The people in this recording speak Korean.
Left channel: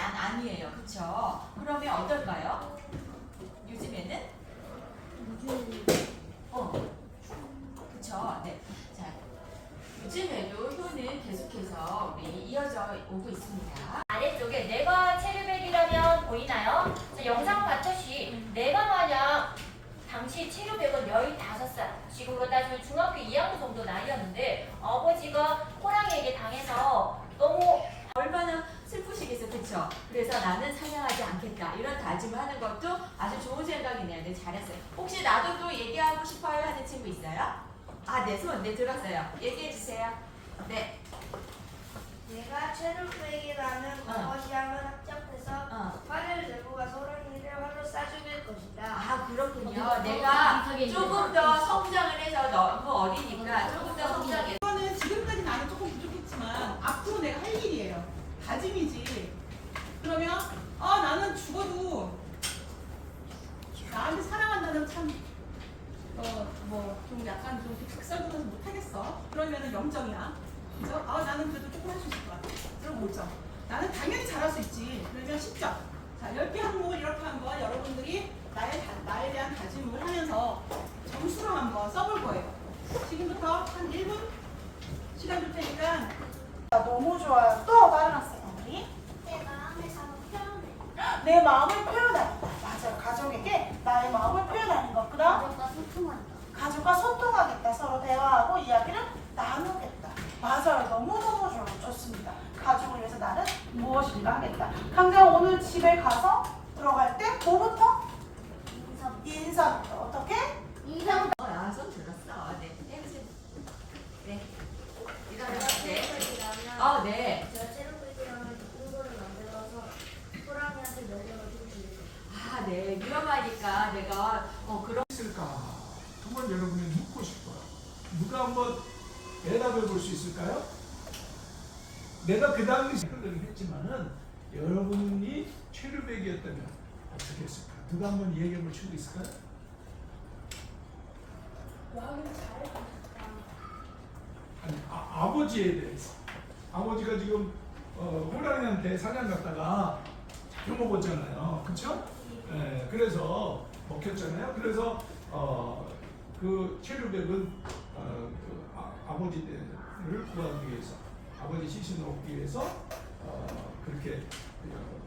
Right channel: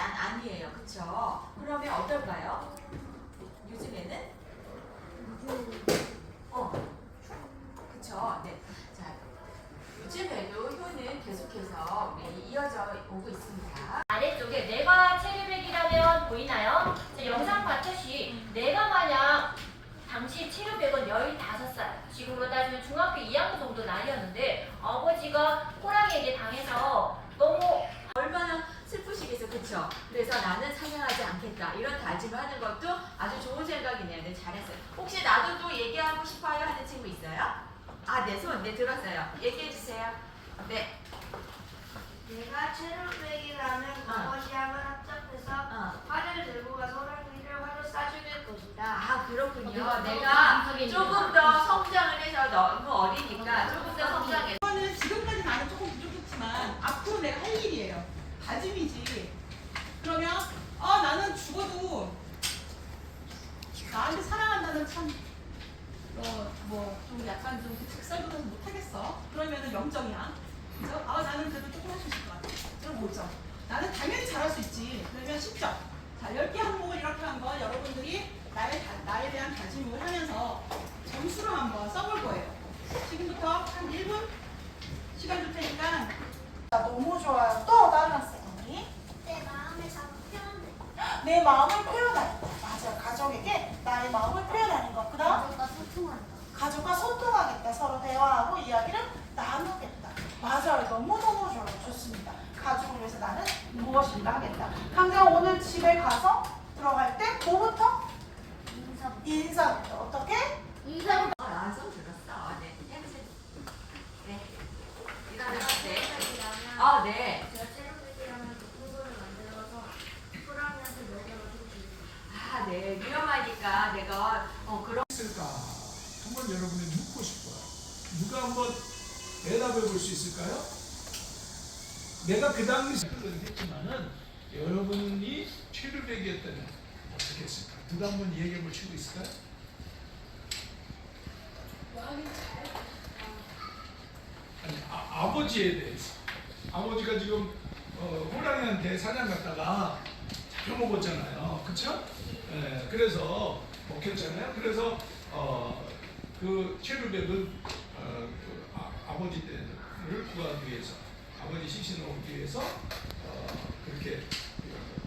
난 아니에요. 그쵸? 그러면 어떨까요? 요즘에는? 어. 그쵸? 네. 자, 요즘에도 효는 계속해서 우리 이어져 오고 있습니다. 아래쪽에 내가 체류백이라면 보이나요? 자, 영상 봤듯이 내가 만약 당시 체류백은 15살, 지금으로 따지면 중학교 2학년 정도 나이였는데 아버지가 호랑이에게 당해서 너무 얼마나 그쵸? 그래서 나는 사냥하지 않겠다. 이런 다짐을 하는 것도 아주 좋은 생각이네요. 네, 잘했어요. 혹시 나도 또 얘기하고 싶어요 하는 친구 있어요? 아, 네, 손, 네, 들었어요. 얘기해 주세요. 네, 내가 체류백이라면 과거 시합을 합작해서 어. 활을 들고 가서 호랑이를 활로 쏴죽일 것이다. 아, 그렇군요. 내가 인상이 조금. 더 성장을 해서 너무 어리니까 조금 더 성장해. 이거는 지금까지 나는 조금 부족했지만 앞으로 내가 할 일이에요. 다짐이지. 그러면 아 나는 죽어도 나한테 사랑한다는 참어 뭐 좀 약간 좀 특설도서 못하겠어. 그러면은 0점이야. 그래서 아 나는 그래도 조금 할 수 있을 것 같아. 그럼 5점. 나는 당연히 잘할 수 있지. 그러면 10점. 자 10개 항목을 이렇게 한번 여러분들이 나에, 다- 나에 대한 다짐을 하면서 점수로 한번 써볼 거예요. 지금부터 한 1분 시간 줄 테니까 너무 좋아요. 또 다른 학생 언니. 내 마음에서 표현해. 내 마음을 표현하겠다. 맞아요. 가족에게 나의 마음을 표현하는 것. 그다음 가족과 소통한다. 가족과 소통하겠다. 서로 대화하고 이야기를 나누겠다. 맞아요. 너무너무 좋아요. 좋습니다. 가족을 위해서 나는 무엇인가 하겠다. 강경 오늘 집에 가서 들어갈 때 뭐부터? 인사. 인사부터. 어떻게? 인사. 어, 아, 손 들었어. 네, 해보세요. 네. 일어나. 네. 아, 네. 먹여주고 아, 네. 위험하니까 내가 어 그런. 있을까? 한번 여러분이 묻고 싶어요. 누가 한번 대답해 볼 수 있을까요? 내가 그 당시 그런 했지만은 여러분이 최루백이었다면 어떻게 했을까? 누가 한번 얘기해 볼 친구 있을까요? 아니 아, 아버지에 대해서 아버지가 지금 어, 호랑이한테 사냥 갔다가 잡혀먹었잖아요, 그렇죠? 예, 그래서 먹혔잖아요. 그래서 어, 그 체류백은 어, 그 아, 아버지 때를 구하기 위해서 아버지 시신을 얻기 위해서 어, 그렇게 어,